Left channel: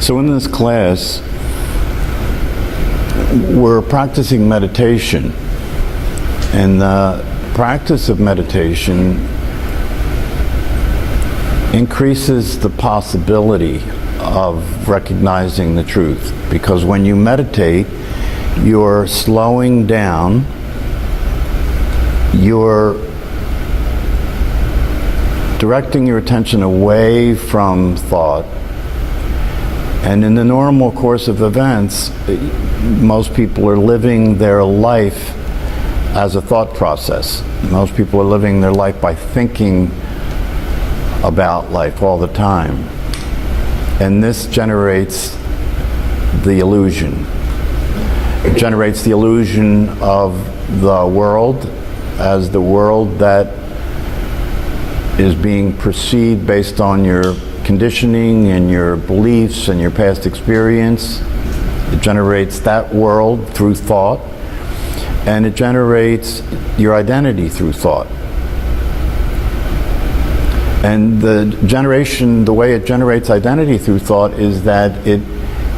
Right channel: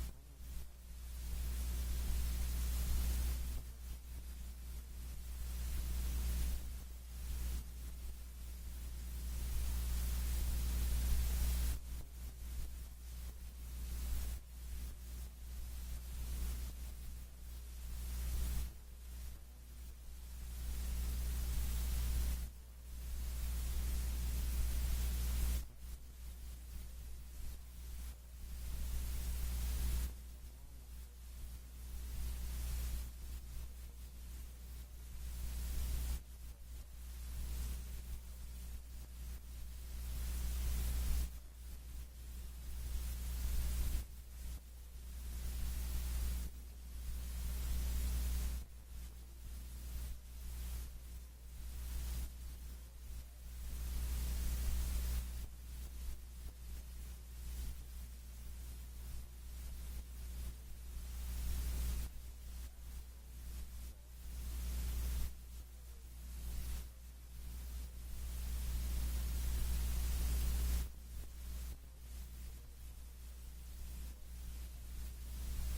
So in this class, we're practicing meditation. And the practice of meditation increases the possibility of recognizing the truth. Because when you meditate, you're slowing down, you're directing your attention away from thought. And in the normal course of events, most people are living their life as a thought process. Most people are living their life by thinking about life all the time. And this generates the illusion. It generates the illusion of the world as the world that is being perceived based on your conditioning and your beliefs and your past experience. It generates that world through thought, and it generates your identity through thought. And the way it generates identity through thought is that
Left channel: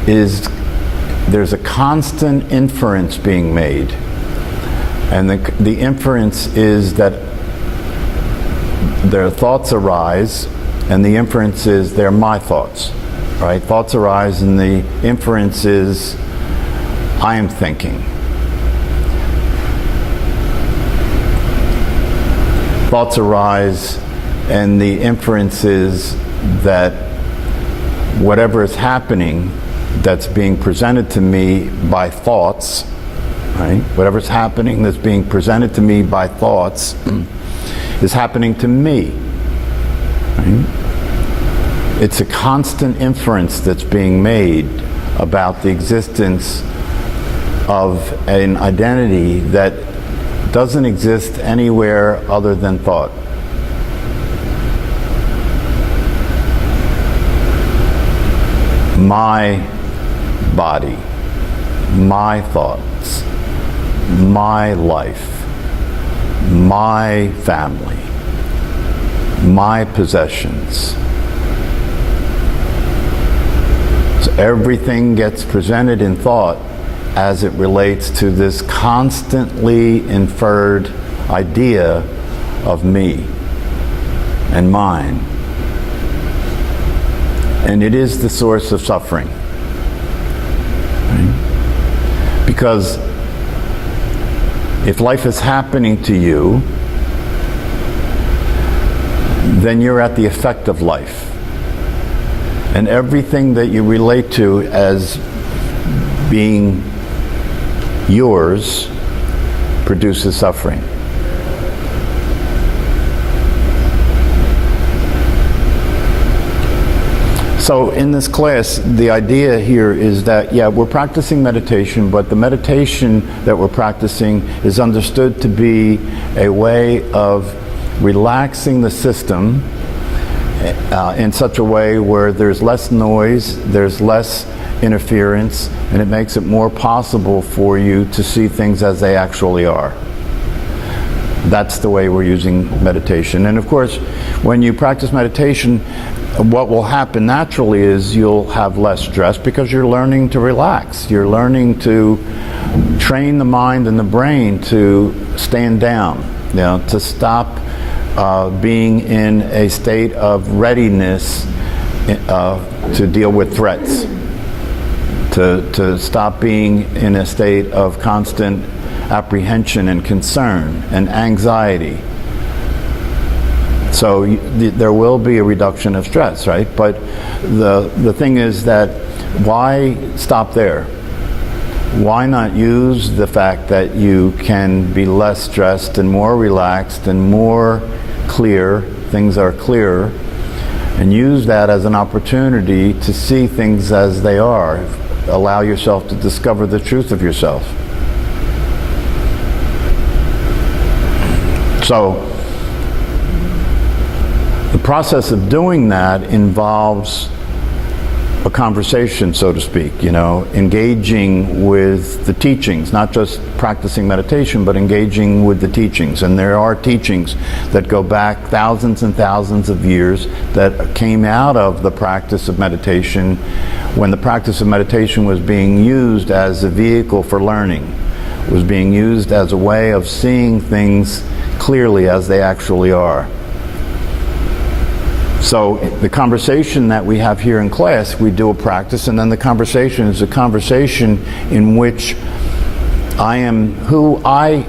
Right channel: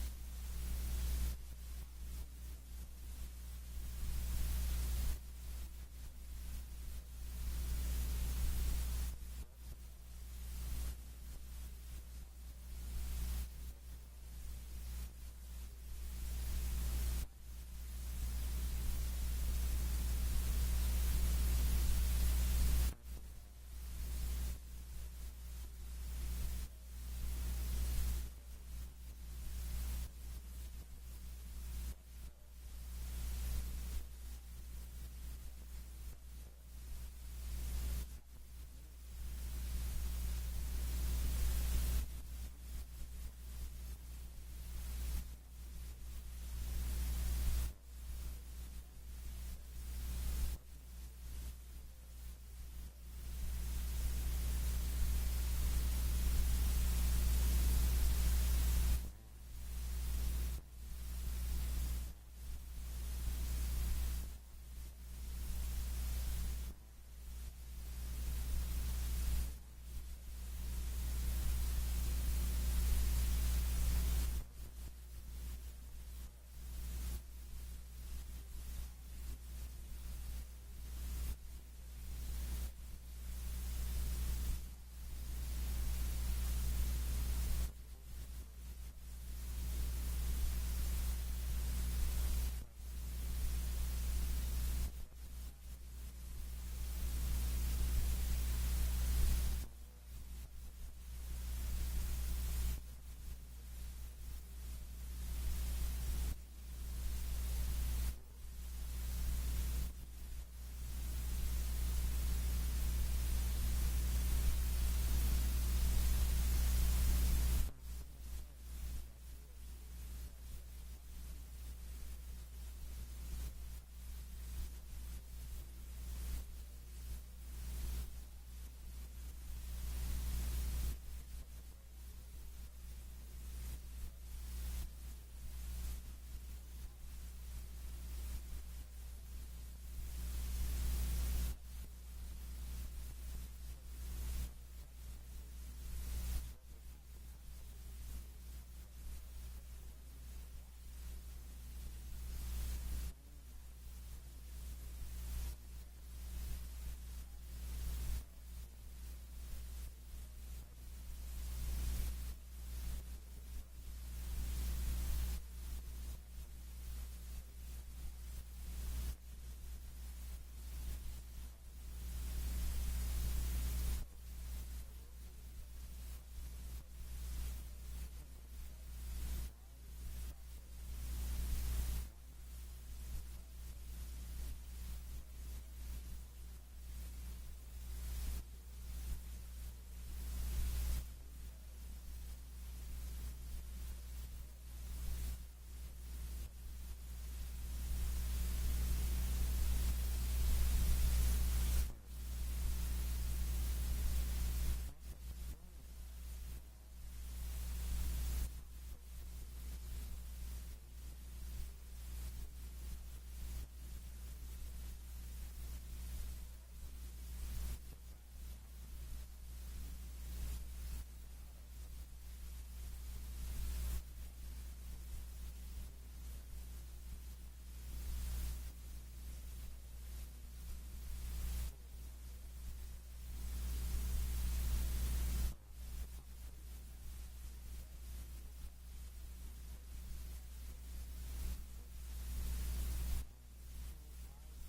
there's a constant inference being made. And the inference is that their thoughts arise, and the inference is they're my thoughts, right? Thoughts arise, and the inference is I am thinking. Thoughts arise, and the inference is that whatever is happening that's being presented to me by thoughts, right? Whatever's happening that's being presented to me by thoughts is happening to me, right? It's a constant inference that's being made about the existence of an identity that doesn't exist anywhere other than thought. My body, my thoughts, my life, my family, my possessions. So everything gets presented in thought as it relates to this constantly inferred idea of me and mine. And it is the source of suffering. Right? Because if life is happening to you, then you're at the effect of life. And everything that you relate to as being yours produces suffering. So in this class, the idea here is that, yeah, we're practicing meditation, but the meditation that we're practicing is understood to be a way of relaxing the system in such a way where there's less noise, there's less interference, and it makes it more possible for you to see things as they actually are. That's the way we're using meditation. And of course, when you practice meditation, what will happen naturally is you'll have less stress because you're learning to relax. You're learning to train the mind and the brain to stand down, to stop being in a state of readiness to deal with threats, to stop being in a state of constant apprehension and concern and anxiety. So there will be a reduction of stress, right? But the thing is that why stop there? Why not use the fact that you can be less stressed and more relaxed and more clear, things are clearer, and use that as an opportunity to see things as they are. Allow yourself to discover the truth of yourself. So the process of doing that involves a conversation, so to speak, you know, engaging with the teachings, not just practicing meditation, but engaging with the teachings. And there are teachings that go back thousands and thousands of years that came out of the practice of meditation when the practice of meditation was being used as a vehicle for learning, was being used as a way of seeing things clearly as they actually are. So the conversation that we have here in class, we do a practice, and then the conversation is a conversation in which I am who I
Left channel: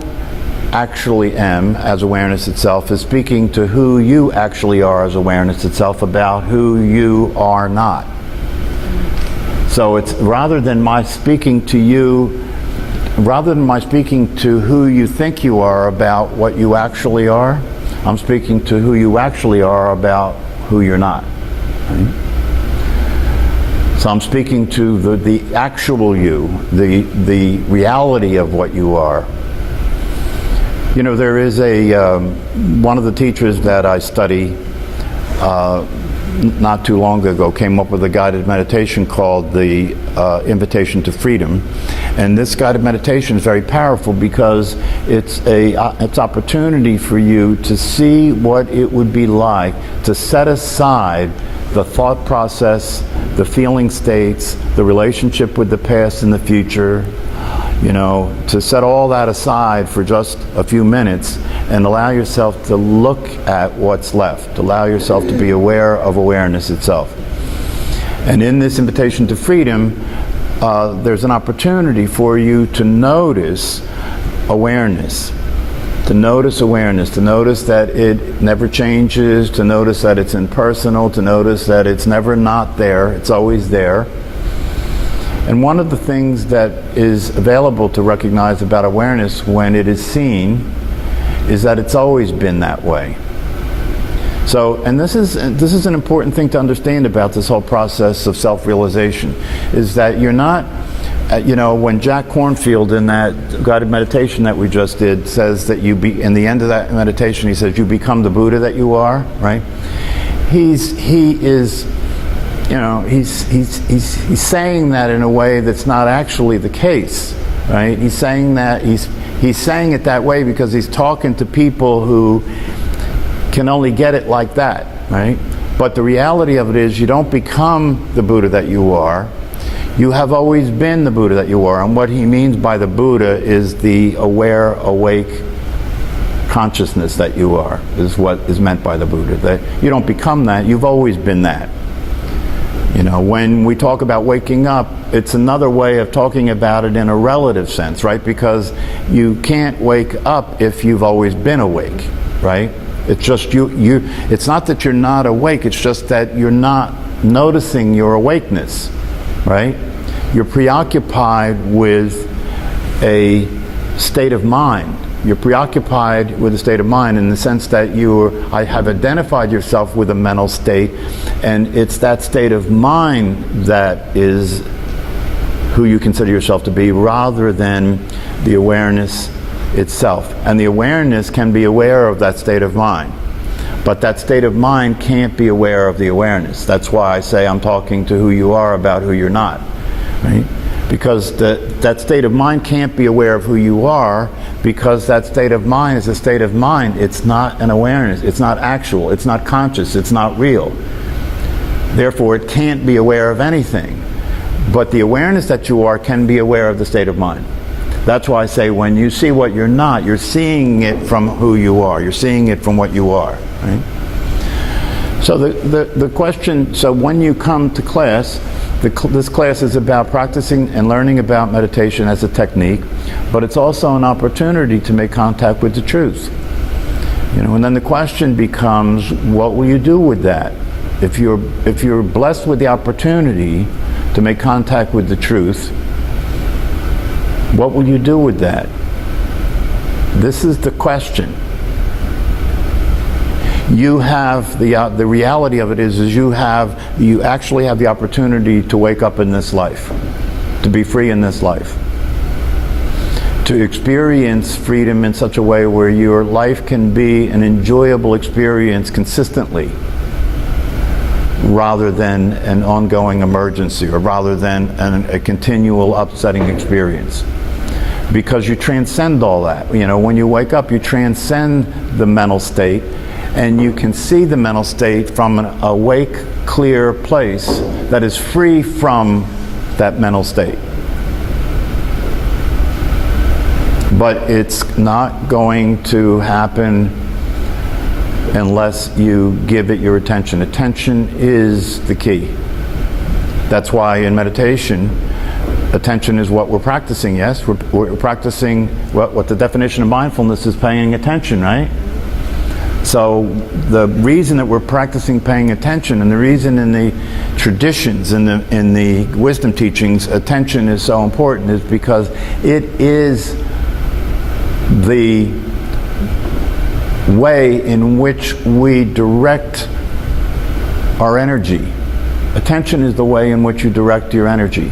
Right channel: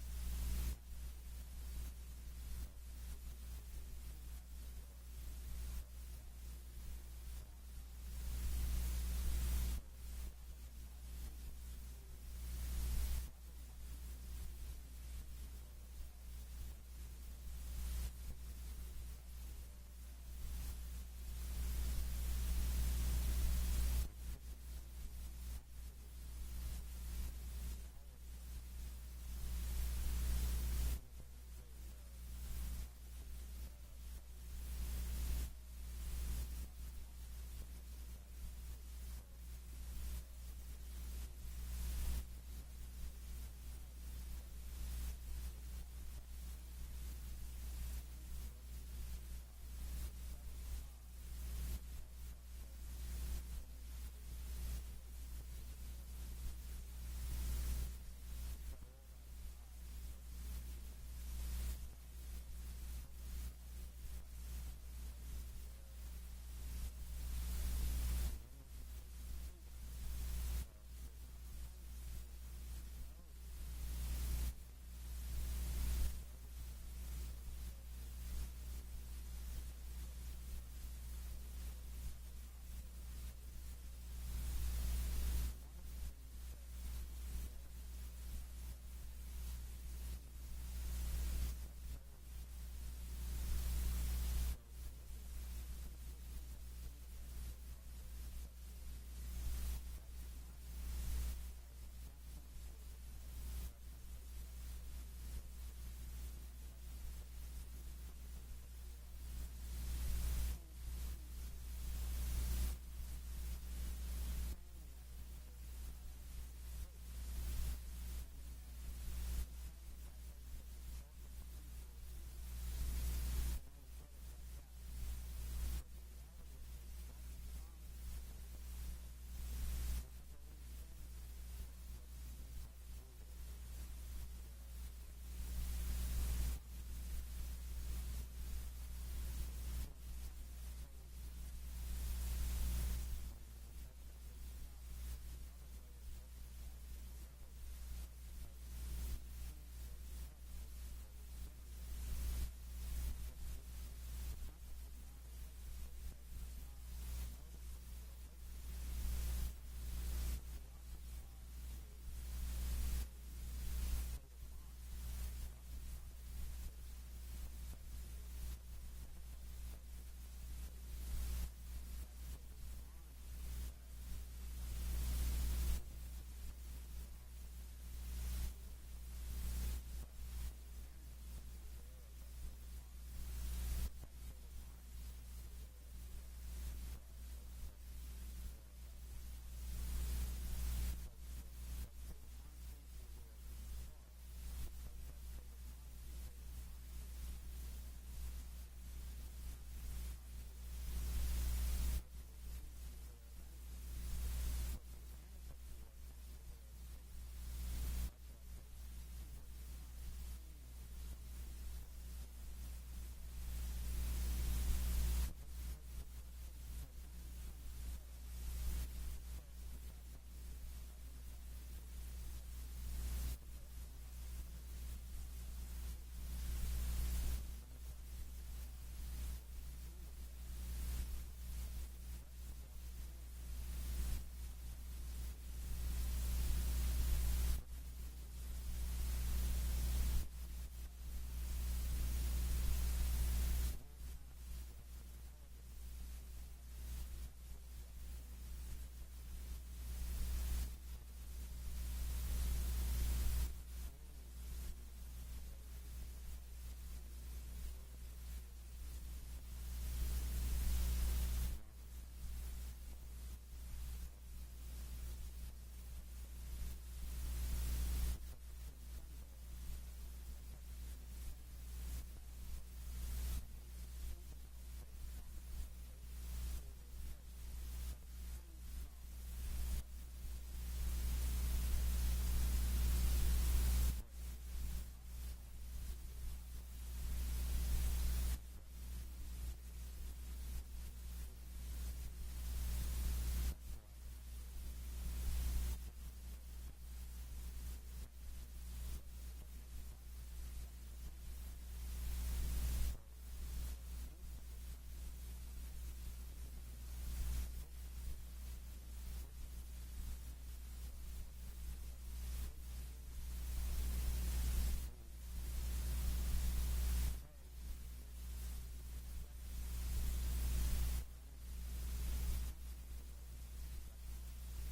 actually am as awareness itself is speaking to who you actually are as awareness itself about who you are not. So it's rather than my speaking to you, rather than my speaking to who you think you are about what you actually are, I'm speaking to who you actually are about who you're not. Right? So I'm speaking to the actual you, the reality of what you are. You know, there is one of the teachers that I study not too long ago came up with a guided meditation called the Invitation to Freedom. And this guided meditation is very powerful because it's opportunity for you to see what it would be like to set aside the thought process, the feeling states, the relationship with the past and the future, you know, to set all that aside for just a few minutes and allow yourself to look at what's left, allow yourself to be aware of awareness itself. And in this invitation to freedom, there's an opportunity for you to notice awareness, to notice that it never changes, to notice that it's impersonal, to notice that it's never not there, it's always there. And one of the things that is available to recognize about awareness when it is seen is that it's always been that way. So, and this is an important thing to understand about this whole process of self-realization, is that you're not, you know, when Jack Kornfield in that guided meditation that we just did says that in the end of that meditation, he says, you become the Buddha that you are, right? He is, you know, he's saying that in a way that's not actually the case, right? He's saying that, he's saying it that way because he's talking to people who can only get it like that, right? But the reality of it is you don't become the Buddha that you are. You have always been the Buddha that you are. And what he means by the Buddha is the aware, awake consciousness that you are, is what is meant by the Buddha. That you don't become that, you've always been that. You know, when we talk about waking up, it's another way of talking about it in a relative sense, right? Because you can't wake up if you've always been awake, right? It's just it's not that you're not awake, it's just that you're not noticing your awakeness, right? You're preoccupied with a state of mind. You're preoccupied with a state of mind in the sense that I have identified yourself with a mental state, and it's that state of mind that is who you consider yourself to be, rather than the awareness itself. And the awareness can be aware of that state of mind, but that state of mind can't be aware of the awareness. That's why I say I'm talking to who you are about who you're not, right? Because that state of mind can't be aware of who you are, because that state of mind is a state of mind. It's not an awareness. It's not actual. It's not conscious. It's not real. Therefore, it can't be aware of anything. But the awareness that you are can be aware of the state of mind. That's why I say when you see what you're not, you're seeing it from who you are. You're seeing it from what you are, right? So the question, so when you come to class, this class is about practicing and learning about meditation as a technique, but it's also an opportunity to make contact with the truth. You know, and then the question becomes, what will you do with that? If you're blessed with the opportunity to make contact with the truth, what will you do with that? This is the question. You have the reality of it is you actually have the opportunity to wake up in this life, to be free in this life, to experience freedom in such a way where your life can be an enjoyable experience consistently. rather than an ongoing emergency, or rather than a continual upsetting experience. Because you transcend all that. You know, when you wake up, you transcend the mental state, and you can see the mental state from an awake, clear place that is free from that mental state. But it's not going to happen unless you give it your attention. Attention is the key. That's why in meditation, attention is what we're practicing, yes? We're practicing what the definition of mindfulness is, paying attention, right? So the reason that we're practicing paying attention, and the reason in the traditions, in the wisdom teachings, attention is so important, is because it is the way in which we direct our energy. Attention is the way in which you direct your energy.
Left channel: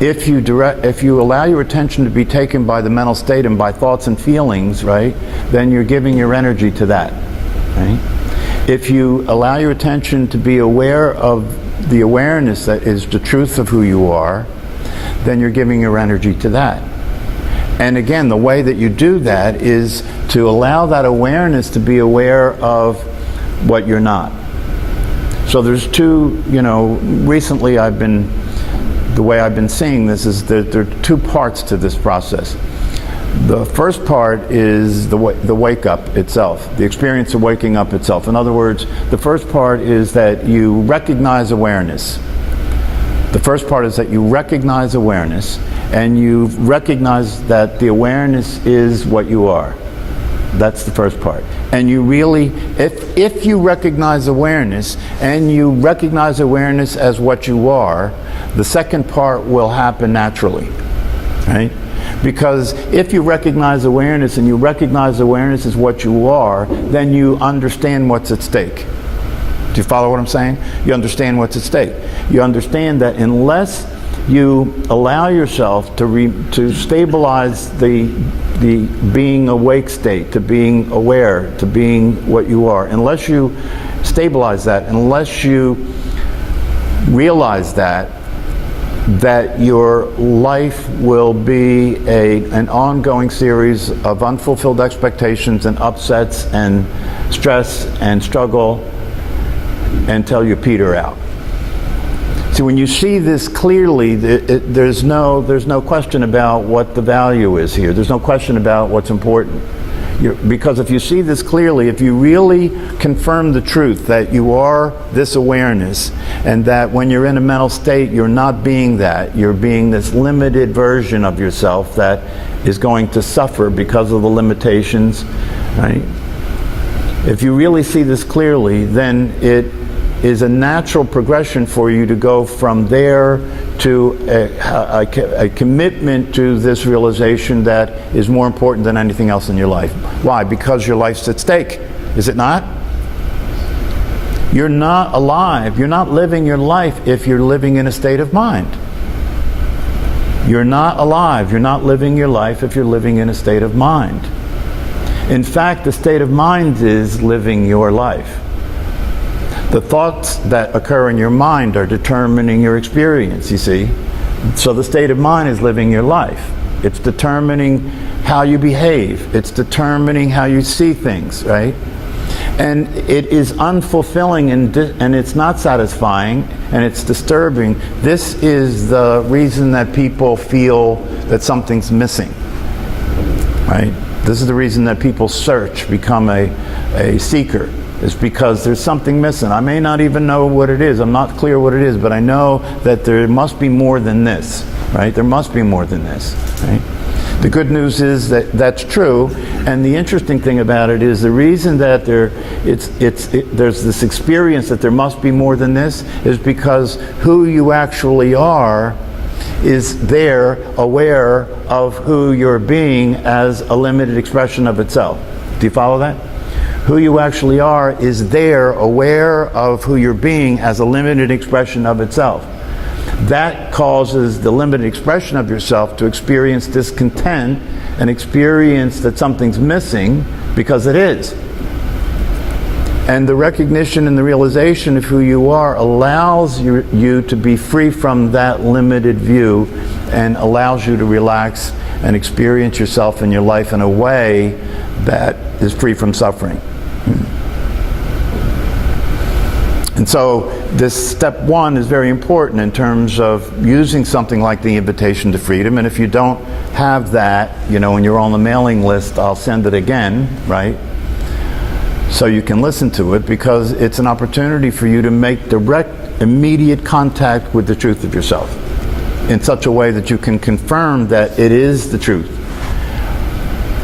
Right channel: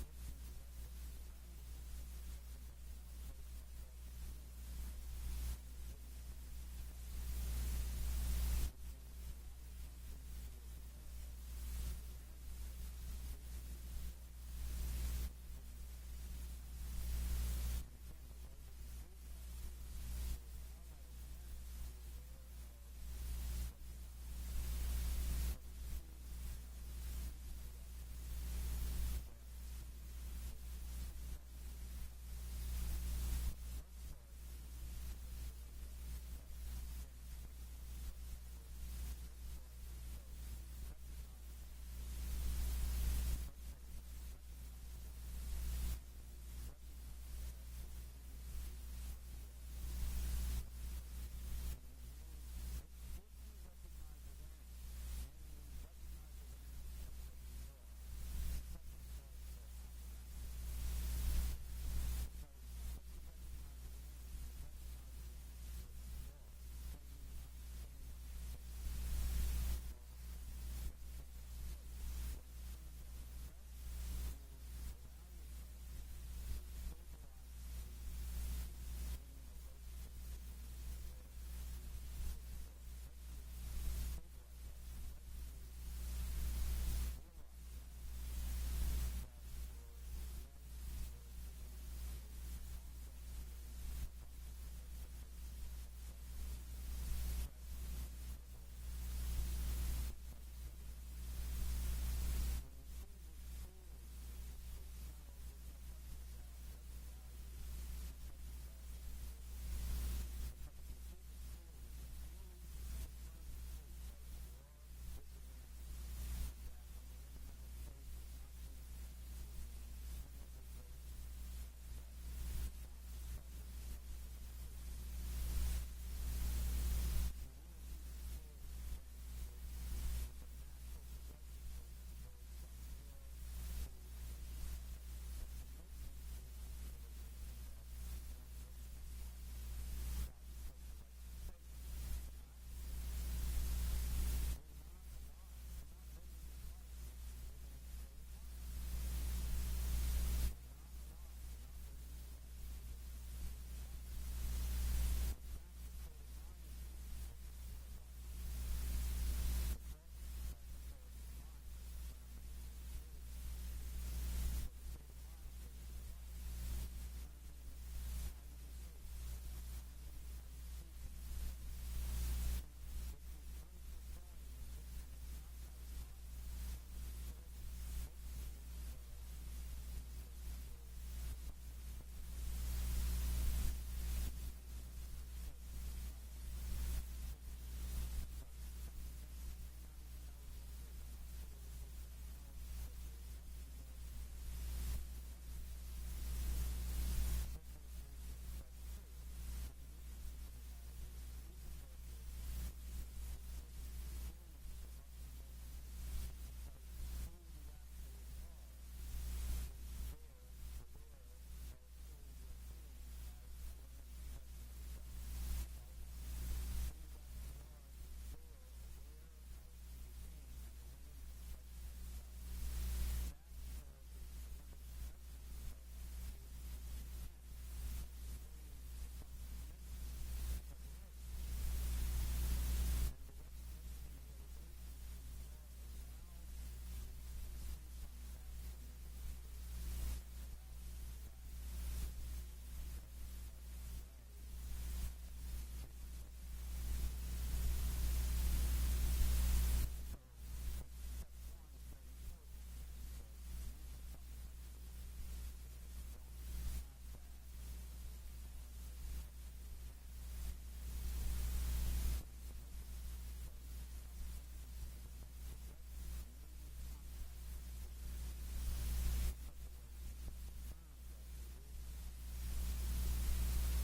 If you allow your attention to be taken by the mental state and by thoughts and feelings, right, then you're giving your energy to that, right? If you allow your attention to be aware of the awareness that is the truth of who you are, then you're giving your energy to that. And again, the way that you do that is to allow that awareness to be aware of what you're not. So there's two, recently the way I've been seeing this is that there are two parts to this process. The first part is the wake up itself, the experience of waking up itself. In other words, the first part is that you recognize awareness. The first part is that you recognize awareness, and you recognize that the awareness is what you are. That's the first part. And you really, if you recognize awareness, and you recognize awareness as what you are, the second part will happen naturally, right? Because if you recognize awareness, and you recognize awareness as what you are, then you understand what's at stake. Do you follow what I'm saying? You understand what's at stake. You understand that unless you allow yourself to stabilize the being awake state, to being aware, to being what you are, unless you stabilize that, unless you realize that your life will be an ongoing series of unfulfilled expectations and upsets and stress and struggle until you peter out. See, when you see this clearly, there's no question about what the value is here. There's no question about what's important. Because if you see this clearly, if you really confirm the truth that you are this awareness, and that when you're in a mental state, you're not being that, you're being this limited version of yourself that is going to suffer because of the limitations, right? If you really see this clearly, then it is a natural progression for you to go from there to a commitment to this realization that is more important than anything else in your life. Why? Because your life's at stake, is it not? You're not alive, you're not living your life if you're living in a state of mind. You're not alive, you're not living your life if you're living in a state of mind. In fact, the state of mind is living your life. The thoughts that occur in your mind are determining your experience, you see. So the state of mind is living your life. It's determining how you behave. It's determining how you see things, right? And it is unfulfilling, and it's not satisfying, and it's disturbing. This is the reason that people feel that something's missing, right? This is the reason that people search, become a seeker. Is because there's something missing. I may not even know what it is. I'm not clear what it is, but I know that there must be more than this, right? There must be more than this, right? The good news is that that's true, and the interesting thing about it is the reason that there's this experience that there must be more than this is because who you actually are is there, aware of who you're being as a limited expression of itself. Do you follow that? Who you actually are is there, aware of who you're being as a limited expression of itself. That causes the limited expression of yourself to experience discontent and experience that something's missing, because it is. And the recognition and the realization of who you are allows you to be free from that limited view and allows you to relax and experience yourself and your life in a way that is free from suffering. And so this step one is very important in terms of using something like the Invitation to Freedom. And if you don't have that, you know, when you're on the mailing list, I'll send it again, right? So you can listen to it, because it's an opportunity for you to make direct, immediate contact with the truth of yourself in such a way that you can confirm that it is the truth.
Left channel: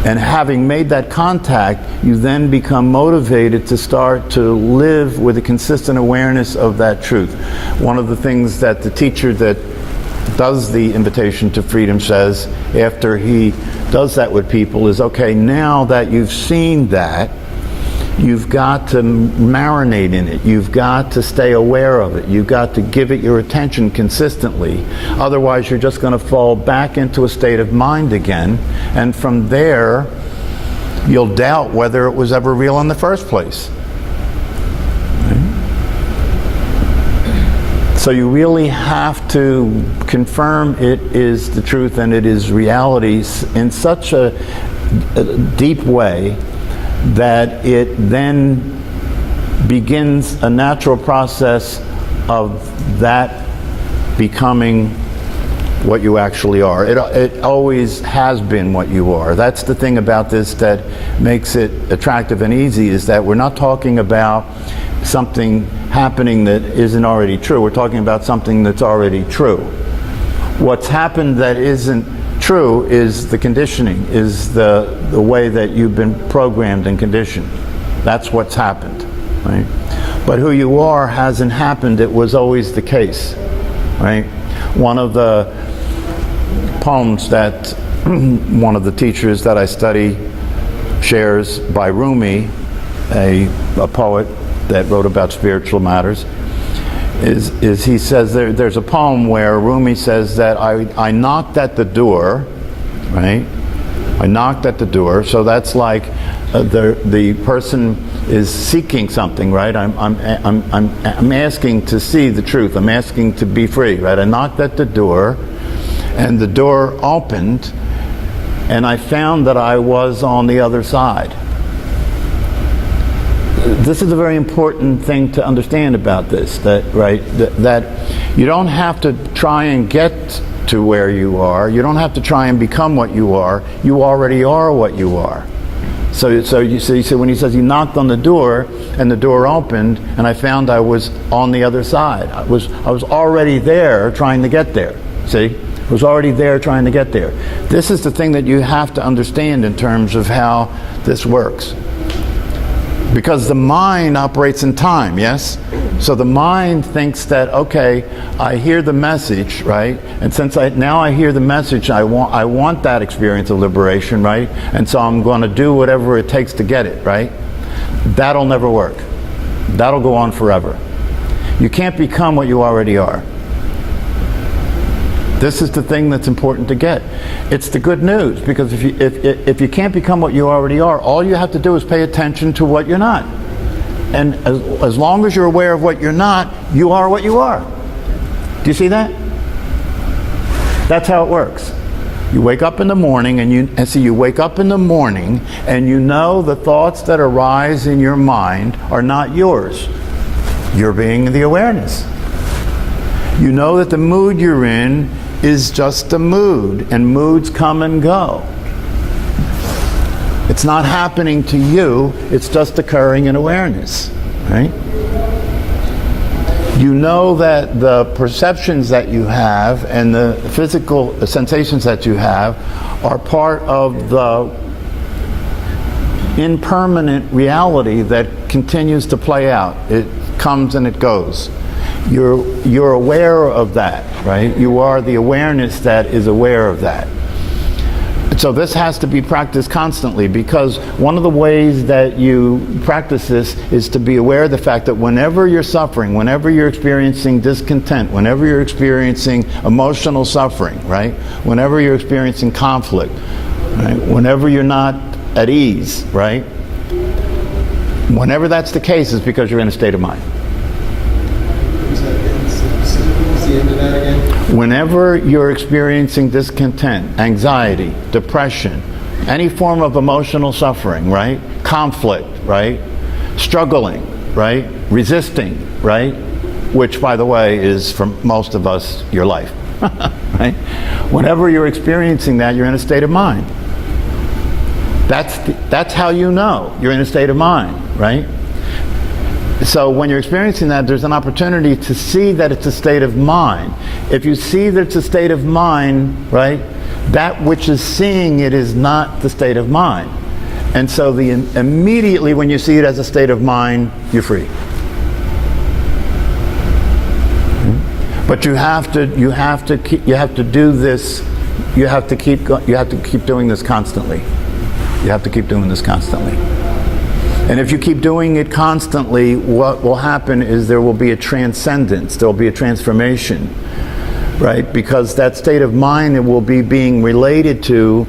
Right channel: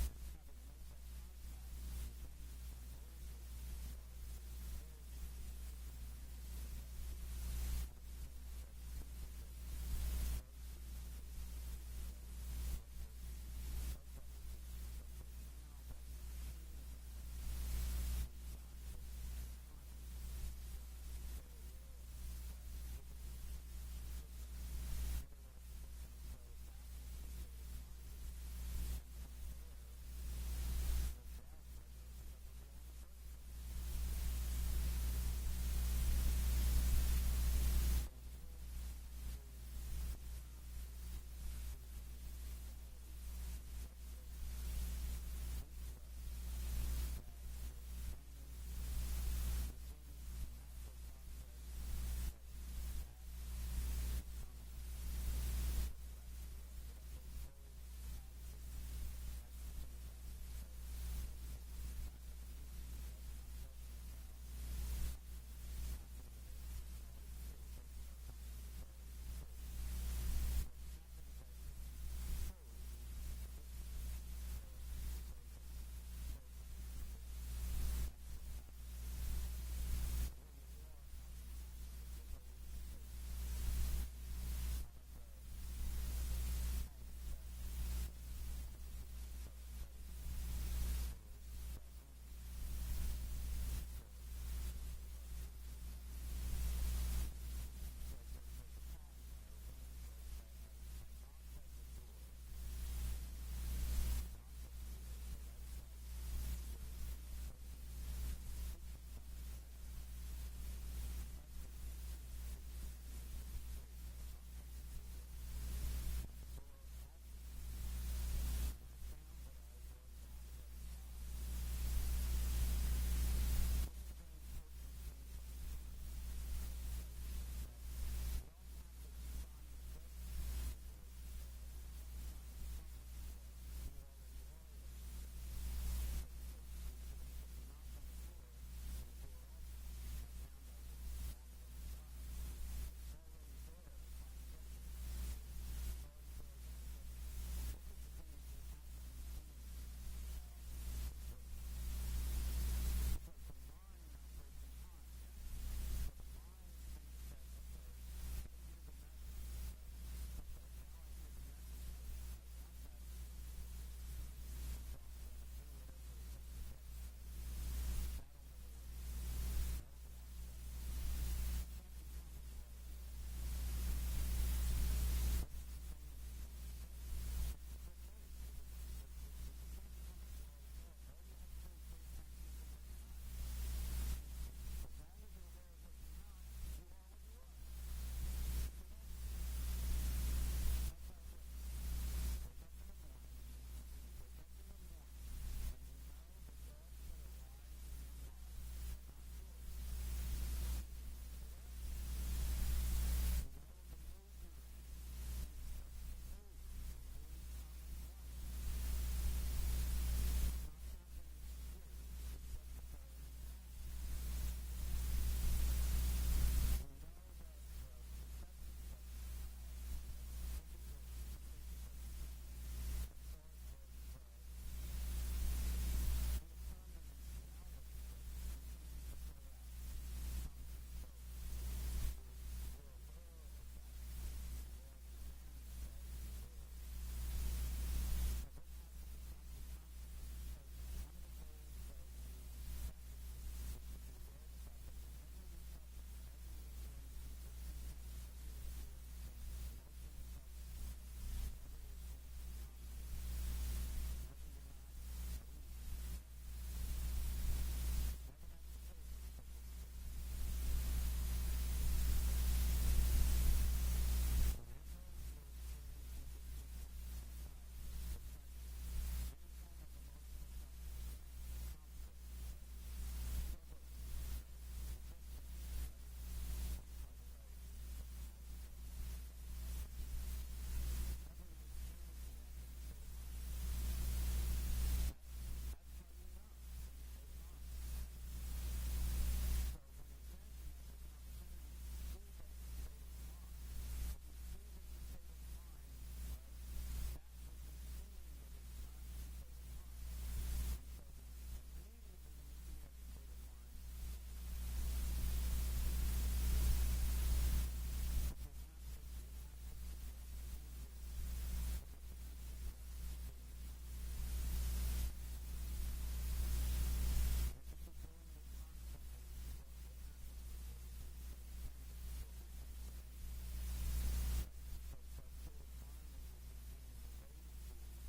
And having made that contact, you then become motivated to start to live with a consistent awareness of that truth. One of the things that the teacher that does the Invitation to Freedom says after he does that with people is, okay, now that you've seen that, you've got to marinate in it. You've got to stay aware of it. You've got to give it your attention consistently. Otherwise, you're just going to fall back into a state of mind again. And from there, you'll doubt whether it was ever real in the first place. So you really have to confirm it is the truth and it is reality in such a deep way that it then begins a natural process of that becoming what you actually are. It always has been what you are. That's the thing about this that makes it attractive and easy, is that we're not talking about something happening that isn't already true. We're talking about something that's already true. What's happened that isn't true is the conditioning, is the way that you've been programmed and conditioned. That's what's happened, right? But who you are hasn't happened. It was always the case, right? One of the poems that one of the teachers that I study shares by Rumi, a poet that wrote about spiritual matters, is he says there's a poem where Rumi says that I knocked at the door, right? I knocked at the door. So that's like the person is seeking something, right? I'm asking to see the truth. I'm asking to be free, right? I knocked at the door, and the door opened, and I found that I was on the other side. This is a very important thing to understand about this, that you don't have to try and get to where you are. You don't have to try and become what you are. You already are what you are. So you see, when he says he knocked on the door and the door opened and I found I was on the other side. I was already there trying to get there. See? I was already there trying to get there. This is the thing that you have to understand in terms of how this works. Because the mind operates in time, yes? So the mind thinks that, okay, I hear the message, right? And since now I hear the message, I want that experience of liberation, right? And so I'm going to do whatever it takes to get it, right? That'll never work. That'll go on forever. You can't become what you already are. This is the thing that's important to get. It's the good news, because if you can't become what you already are, all you have to do is pay attention to what you're not. And as long as you're aware of what you're not, you are what you are. Do you see that? That's how it works. You wake up in the morning you wake up in the morning and you know the thoughts that arise in your mind are not yours. You're being the awareness. You know that the mood you're in is just a mood, and moods come and go. It's not happening to you, it's just occurring in awareness, right? You know that the perceptions that you have and the physical sensations that you have are part of the impermanent reality that continues to play out. It comes and it goes. You're aware of that, right? You are the awareness that is aware of that. So this has to be practiced constantly, because one of the ways that you practice this is to be aware of the fact that whenever you're suffering, whenever you're experiencing discontent, whenever you're experiencing emotional suffering, right? Whenever you're experiencing conflict, right? Whenever you're not at ease, right? Whenever that's the case, it's because you're in a state of mind. The end of that again? Whenever you're experiencing discontent, anxiety, depression, any form of emotional suffering, right? Conflict, right? Struggling, right? Resisting, right? Which, by the way, is for most of us your life, right? Whenever you're experiencing that, you're in a state of mind. That's how you know you're in a state of mind, right? So when you're experiencing that, there's an opportunity to see that it's a state of mind. If you see that it's a state of mind, right, that which is seeing it is not the state of mind. And so immediately when you see it as a state of mind, you're free. But you have to do this. You have to keep doing this constantly. You have to keep doing this constantly. And if you keep doing it constantly, what will happen is there will be a transcendence, there will be a transformation, right? Because that state of mind, it will be being related to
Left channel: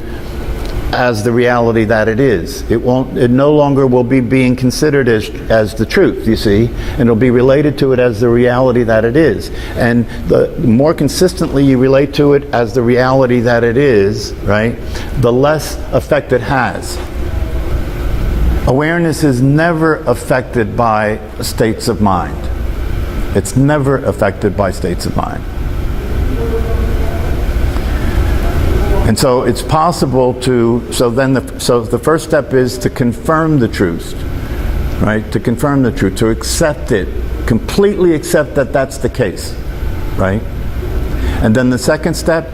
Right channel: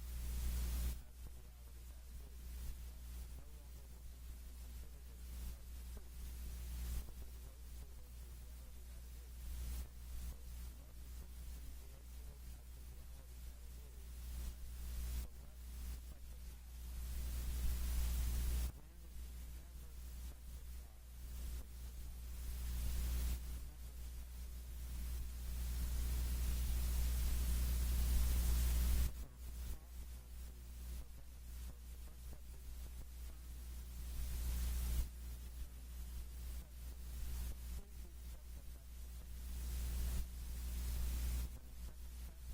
as the reality that it is. It no longer will be being considered as the truth, you see, and it'll be related to it as the reality that it is. And the more consistently you relate to it as the reality that it is, right, the less effect it has. Awareness is never affected by states of mind. It's never affected by states of mind. And so it's possible to, so the first step is to confirm the truth, right? To confirm the truth, to accept it, completely accept that that's the case, right? And then the second step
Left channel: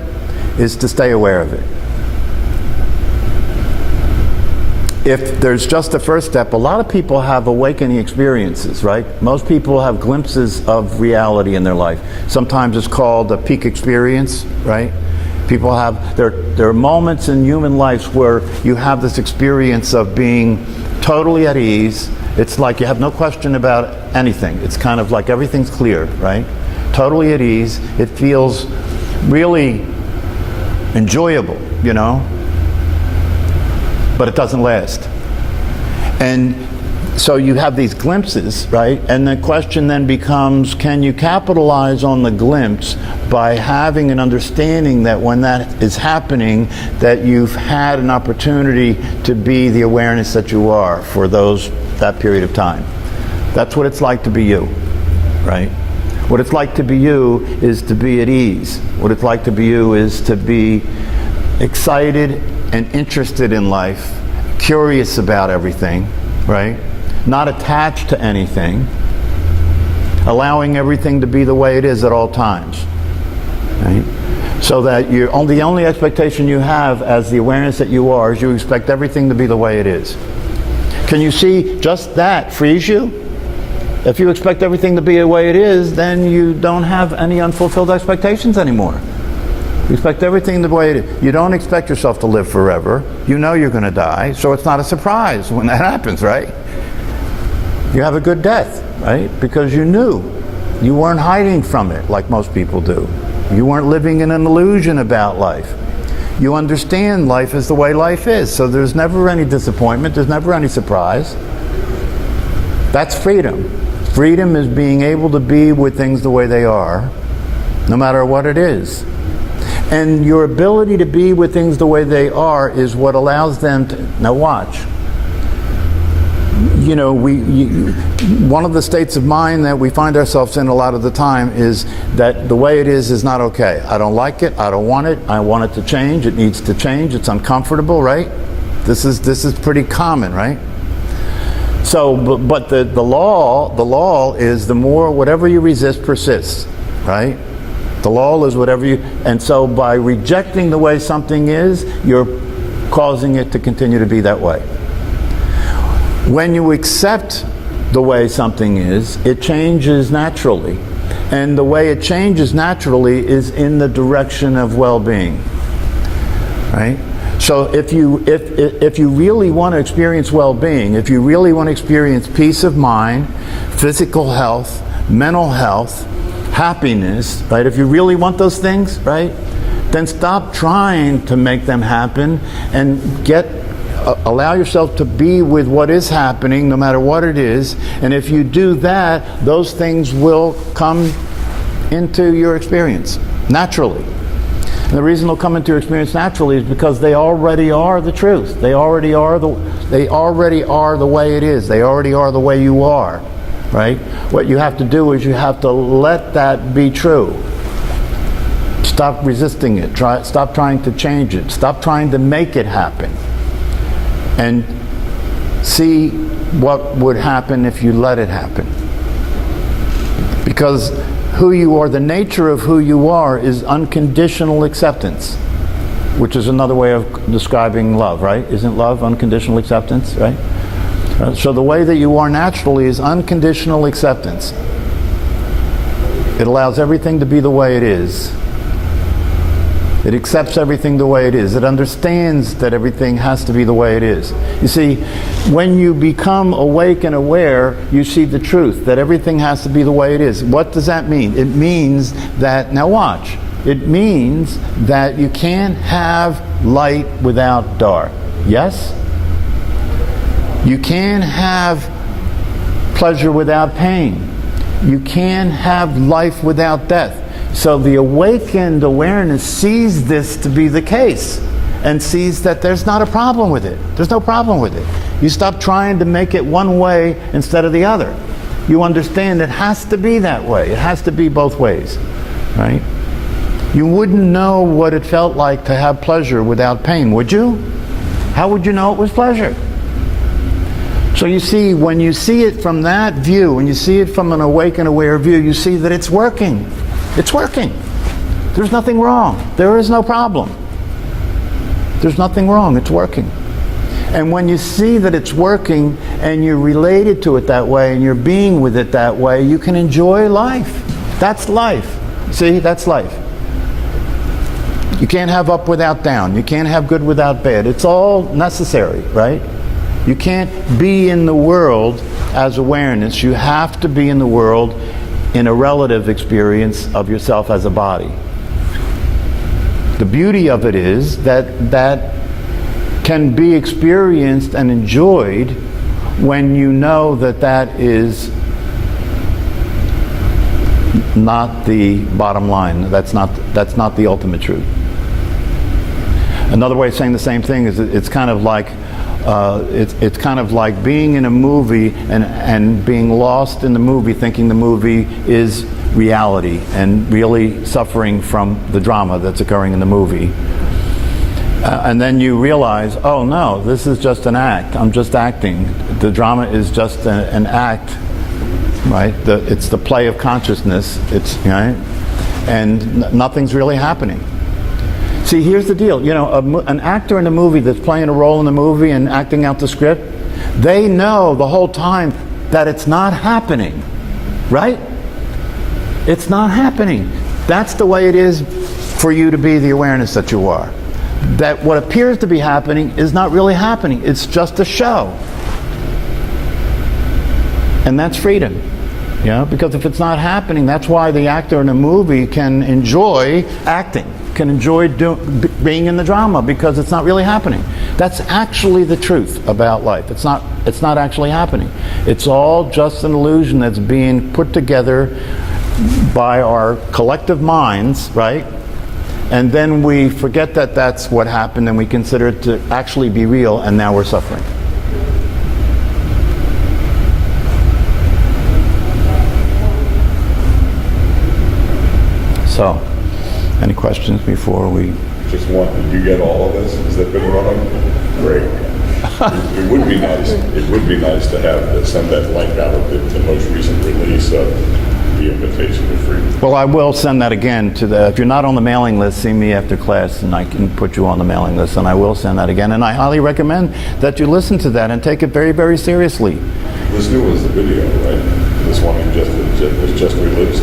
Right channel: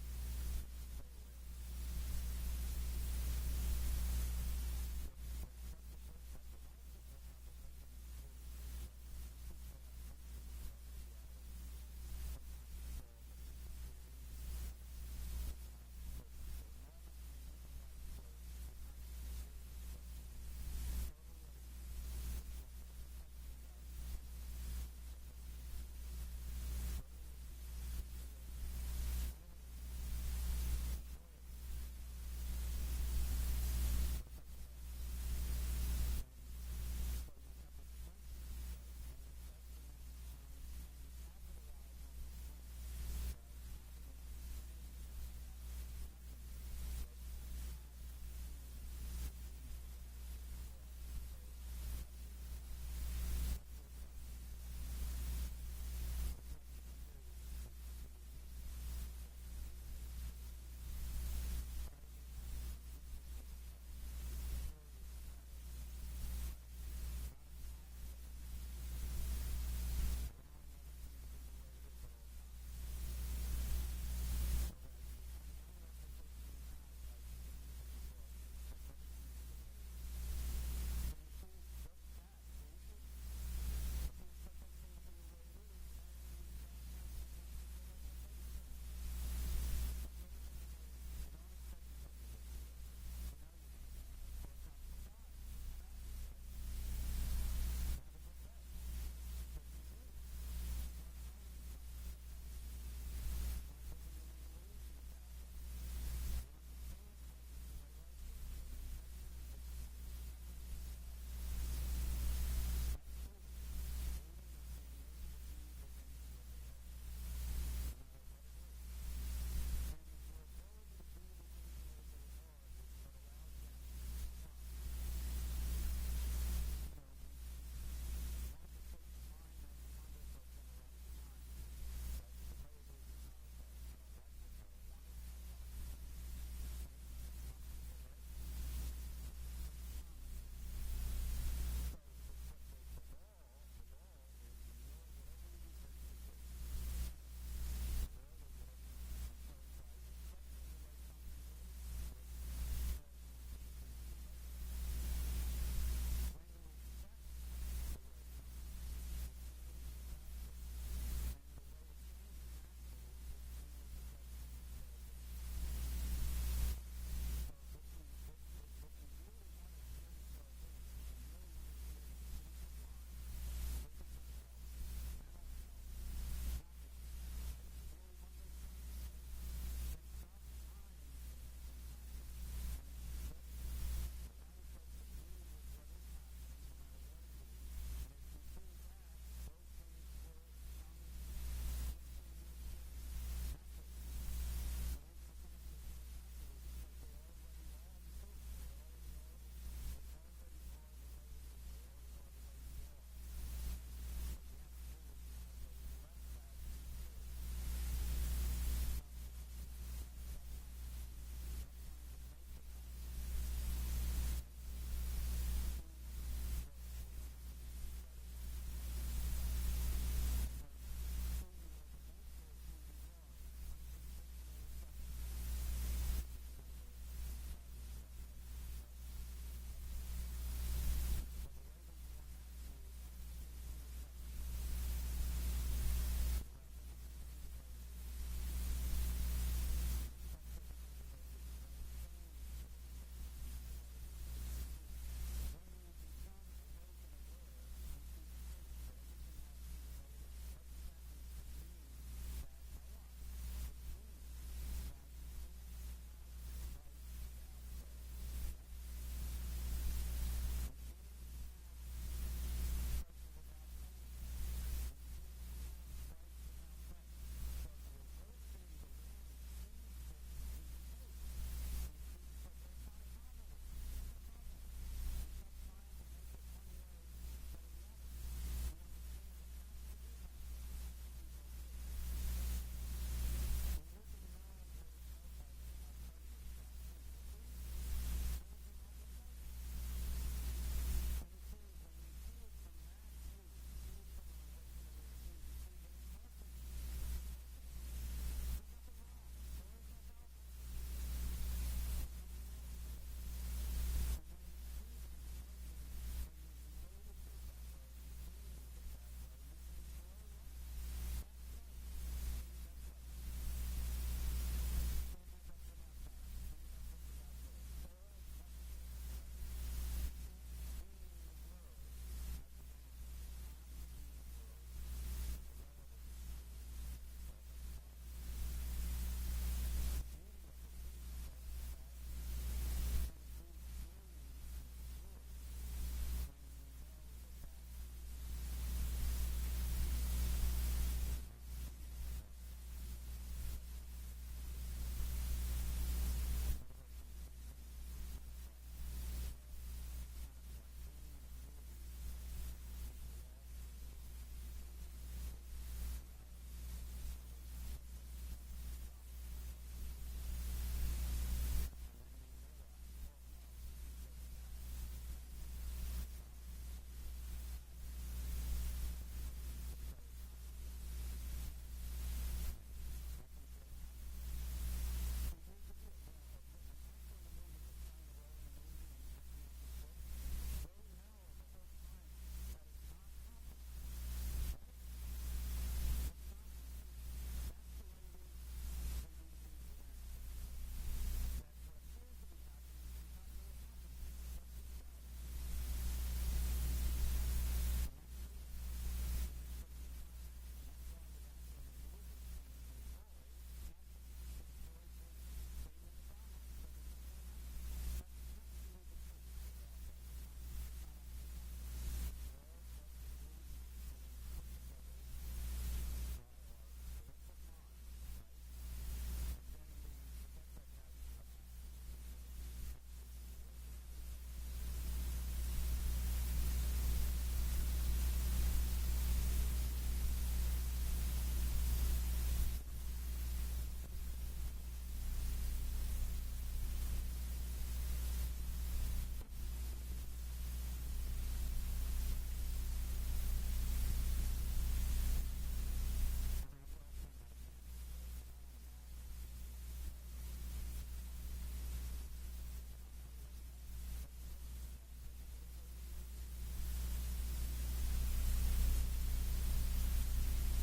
is to stay aware of it. If there's just the first step, a lot of people have awakening experiences, right? Most people have glimpses of reality in their life. Sometimes it's called a peak experience, right? People have, there are moments in human lives where you have this experience of being totally at ease. It's like you have no question about anything. It's kind of like everything's clear, right? Totally at ease. It feels really enjoyable, you know? But it doesn't last. And so you have these glimpses, right? And the question then becomes, can you capitalize on the glimpse by having an understanding that when that is happening, that you've had an opportunity to be the awareness that you are for that period of time. That's what it's like to be you, right? What it's like to be you is to be at ease. What it's like to be you is to be excited and interested in life, curious about everything, right? Not attached to anything, allowing everything to be the way it is at all times, right? So that the only expectation you have as the awareness that you are is you expect everything to be the way it is. Can you see just that frees you? If you expect everything to be the way it is, then you don't have any unfulfilled expectations anymore. You expect everything the way it is. You don't expect yourself to live forever. You know you're going to die, so it's not a surprise when that happens, right? You have a good death, right? Because you knew. You weren't hiding from it like most people do. You weren't living in an illusion about life. You understand life is the way life is, so there's never any disappointment, there's never any surprise. That's freedom. Freedom is being able to be with things the way they are, no matter what it is. And your ability to be with things the way they are is what allows them to, now watch. You know, one of the states of mind that we find ourselves in a lot of the time is that the way it is not okay. I don't like it, I don't want it, I want it to change, it needs to change, it's uncomfortable, right? This is pretty common, right? So, but the law is the more, whatever you resist persists, right? The law is whatever you, and so by rejecting the way something is, you're causing it to continue to be that way. When you accept the way something is, it changes naturally. And the way it changes naturally is in the direction of well-being, right? So if you really want to experience well-being, if you really want to experience peace of mind, physical health, mental health, happiness, right? If you really want those things, right? Then stop trying to make them happen and get Allow yourself to be with what is happening, no matter what it is. And if you do that, those things will come into your experience naturally. And the reason they'll come into your experience naturally is because they already are the truth. They already are the way it is. They already are the way you are, right? What you have to do is you have to let that be true. Stop resisting it. Stop trying to change it. Stop trying to make it happen. And see what would happen if you let it happen. Because who you are, the nature of who you are, is unconditional acceptance, which is another way of describing love, right? Isn't love unconditional acceptance, right? So the way that you are naturally is unconditional acceptance. It allows everything to be the way it is. It accepts everything the way it is. It understands that everything has to be the way it is. You see, when you become awake and aware, you see the truth, that everything has to be the way it is. What does that mean? It means that, now watch, it means that you can't have light without dark. Yes? You can't have pleasure without pain. You can't have life without death. So the awakened awareness sees this to be the case and sees that there's not a problem with it. There's no problem with it. You stop trying to make it one way instead of the other. You understand it has to be that way. It has to be both ways, right? You wouldn't know what it felt like to have pleasure without pain, would you? How would you know it was pleasure? So you see, when you see it from that view, when you see it from an awake and aware view, you see that it's working. It's working. There's nothing wrong. There is no problem. There's nothing wrong. It's working. And when you see that it's working and you're related to it that way and you're being with it that way, you can enjoy life. That's life. See, that's life. You can't have up without down. You can't have good without bad. It's all necessary, right? You can't be in the world as awareness. You have to be in the world in a relative experience of yourself as a body. The beauty of it is that that can be experienced and enjoyed when you know that that is not the bottom line. That's not the ultimate truth. Another way of saying the same thing is it's kind of like it's kind of like being in a movie and being lost in the movie, thinking the movie is reality and really suffering from the drama that's occurring in the movie. And then you realize, oh no, this is just an act. I'm just acting. The drama is just an act, right? It's the play of consciousness. It's right, and nothing's really happening. See, here's the deal. You know, an actor in a movie that's playing a role in the movie and acting out the script, they know the whole time that it's not happening, right? It's not happening. That's the way it is for you to be the awareness that you are. That what appears to be happening is not really happening. It's just a show. And that's freedom. You know, because if it's not happening, that's why the actor in a movie can enjoy acting, can enjoy being in the drama, because it's not really happening. That's actually the truth about life. It's not actually happening. It's all just an illusion that's being put together by our collective minds, right? And then we forget that that's what happened and we consider it to actually be real, and now we're suffering. So, any questions before we... Just one. Did you get all of this? Has that been running? Great. It would be nice. It would be nice to have send that link out of the most recent release of the Invitation to Freedom. Well, I will send that again to the... If you're not on the mailing list, see me after class, and I can put you on the mailing list, and I will send that again. And I highly recommend that you listen to that and take it very, very seriously. This new was the video, right? This one was just released.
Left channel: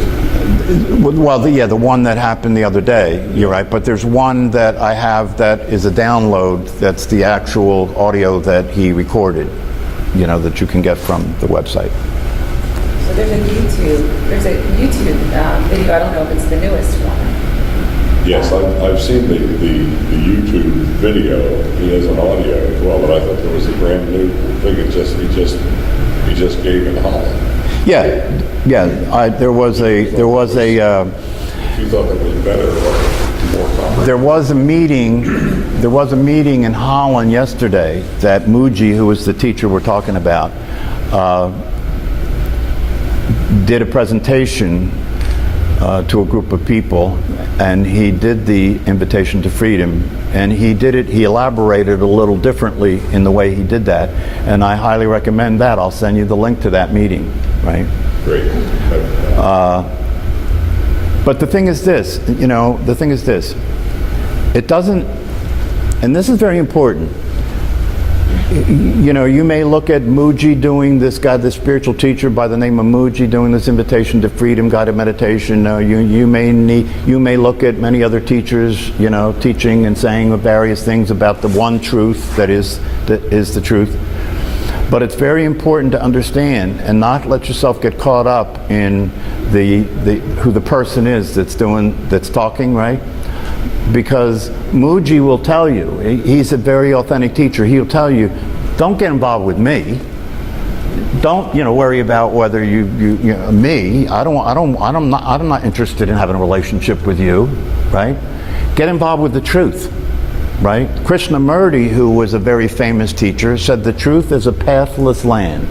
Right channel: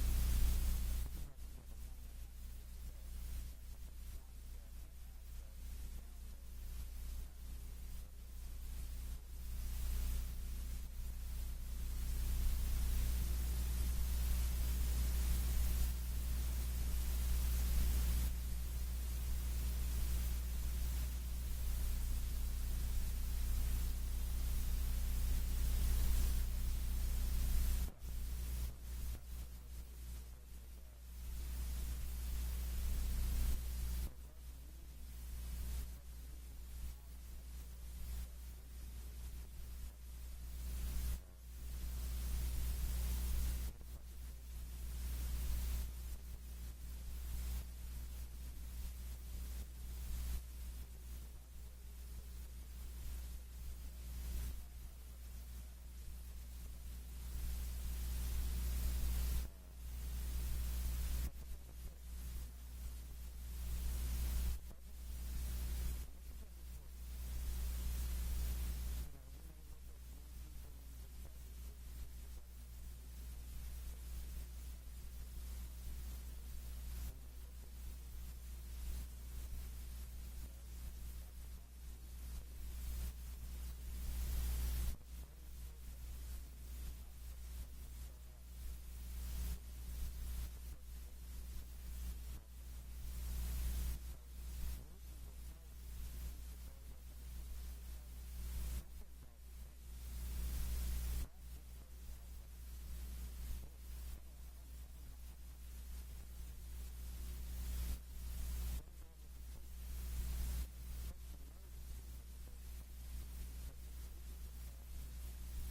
Well, the one that happened the other day, you're right, but there's one that I have that is a download that's the actual audio that he recorded, you know, that you can get from the website. So there's a YouTube video, I don't know if it's the newest one. Yes, I've seen the YouTube video. He has an audio as well, but I thought there was a brand new thing. He just gave in Holland. Yeah. There was a If you thought that was better or more comprehensive. There was a meeting in Holland yesterday that Muji, who was the teacher we're talking about, did a presentation to a group of people, and he did the Invitation to Freedom, and he elaborated a little differently in the way he did that, and I highly recommend that. I'll send you the link to that meeting, right? Great. But the thing is this, it doesn't, and this is very important, you may look at Muji doing this spiritual teacher by the name of Muji doing this Invitation to Freedom guided meditation. You may look at many other teachers, teaching and saying various things about the one truth that is the truth. But it's very important to understand and not let yourself get caught up in who the person is that's talking, right? Because Muji will tell you, he's a very authentic teacher. He'll tell you, don't get involved with me. Don't worry about whether me. I'm not interested in having a relationship with you, right? Get involved with the truth. Right? Krishnamurti, who was a very famous teacher, said the truth is a pathless land.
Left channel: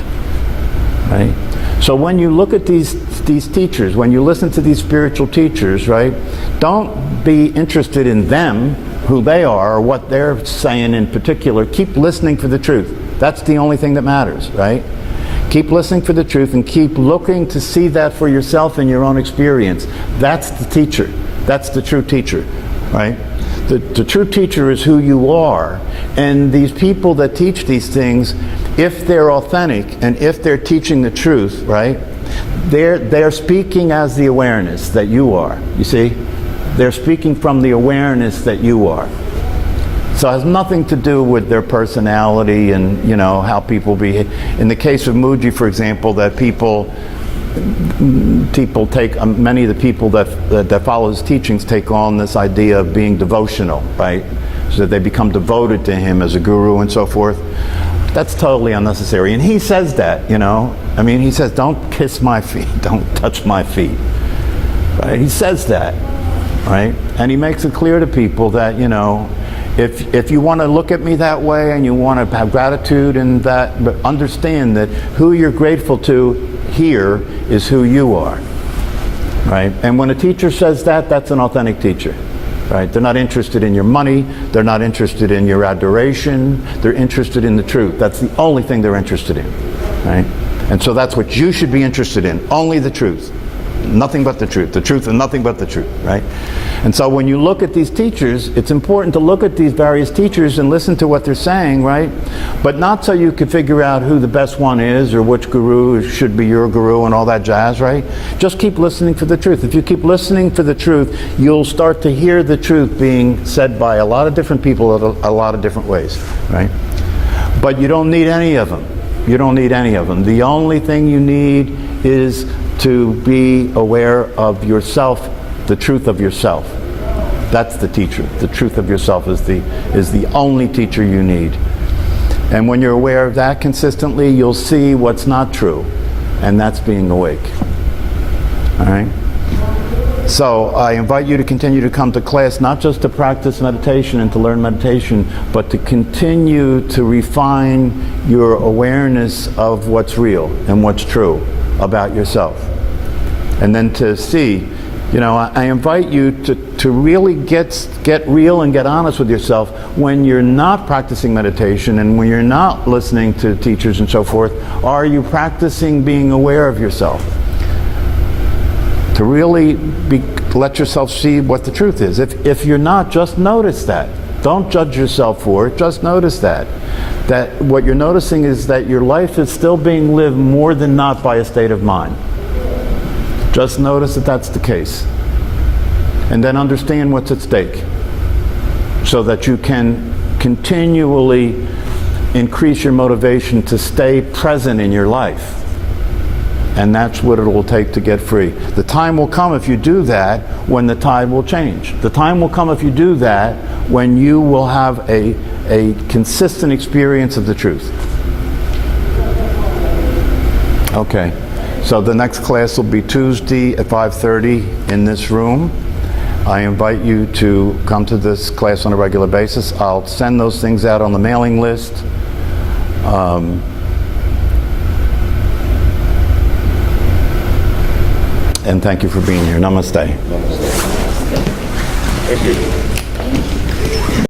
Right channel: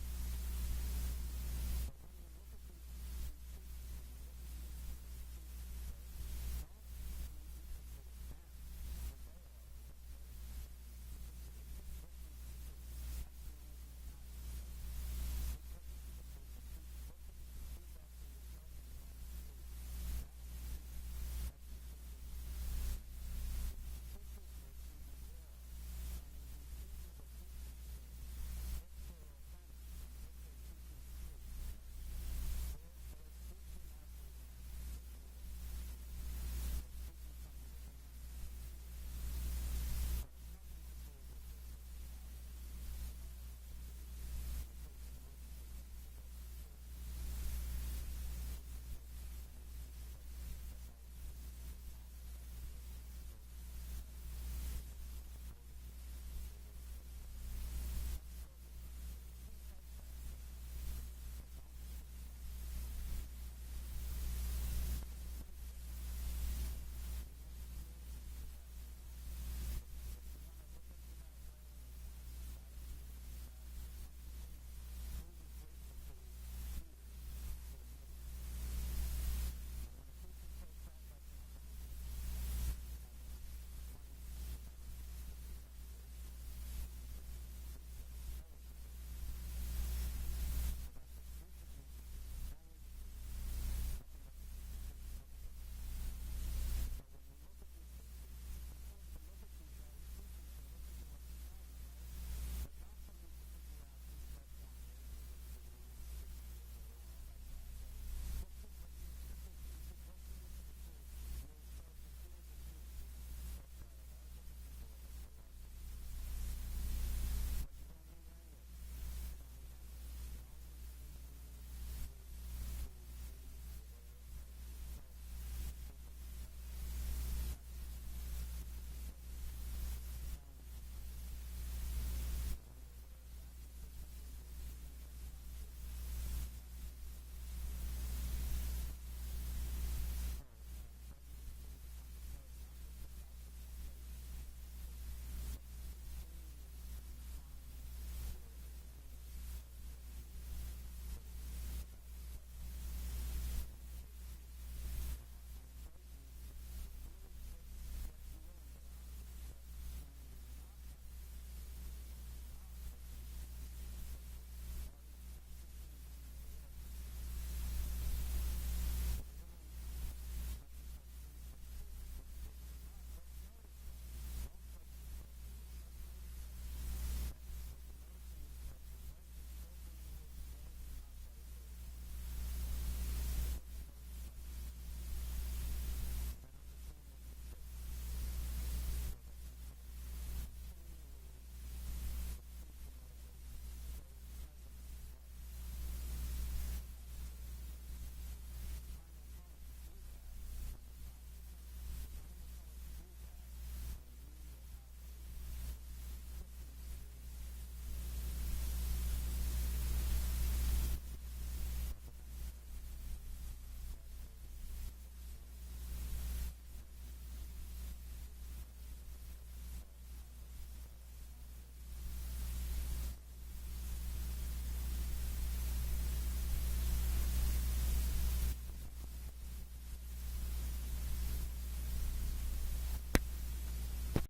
Right? So when you look at these teachers, when you listen to these spiritual teachers, right, don't be interested in them, who they are, or what they're saying in particular. Keep listening for the truth. That's the only thing that matters, right? Keep listening for the truth and keep looking to see that for yourself in your own experience. That's the teacher. That's the true teacher, right? The true teacher is who you are, and these people that teach these things, if they're authentic and if they're teaching the truth, right, they're speaking as the awareness that you are. You see, they're speaking from the awareness that you are. So it has nothing to do with their personality and how people behave. In the case of Muji, for example, that people take many of the people that follow his teachings take on this idea of being devotional, right? So that they become devoted to him as a guru and so forth. That's totally unnecessary. And he says that, he says, don't kiss my feet, don't touch my feet, right? He says that, right? And he makes it clear to people that, if you want to look at me that way and you want to have gratitude and that, but understand that who you're grateful to here is who you are, right? And when a teacher says that, that's an authentic teacher, right? They're not interested in your money, they're not interested in your adoration, they're interested in the truth. That's the only thing they're interested in, right? And so that's what you should be interested in, only the truth. Nothing but the truth and nothing but the truth, right? And so when you look at these teachers, it's important to look at these various teachers and listen to what they're saying, right? But not so you can figure out who the best one is or which guru should be your guru and all that jazz, right? Just keep listening for the truth. If you keep listening for the truth, you'll start to hear the truth being said by a lot of different people a lot of different ways, right? But you don't need any of them. You don't need any of them. The only thing you need is to be aware of yourself, the truth of yourself. That's the teacher. The truth of yourself is the only teacher you need. And when you're aware of that consistently, you'll see what's not true, and that's being awake. All right? So I invite you to continue to come to class, not just to practice meditation and to learn meditation, but to continue to refine your awareness of what's real and what's true about yourself. And then to see, I invite you to really get real and get honest with yourself when you're not practicing meditation and when you're not listening to teachers and so forth. Are you practicing being aware of yourself? To really let yourself see what the truth is. If you're not, just notice that. Don't judge yourself for it, just notice that. That what you're noticing is that your life is still being lived more than not by a state of mind. Just notice that that's the case. And then understand what's at stake so that you can continually increase your motivation to stay present in your life. And that's what it will take to get free. The time will come if you do that when the tide will change. The time will come if you do that when you will have a consistent experience of the truth. Okay, so the next class will be Tuesday at 5:30 in this room. I invite you to come to this class on a regular basis. I'll send those things out on the mailing list. And thank you for being here. Namaste. Thank you.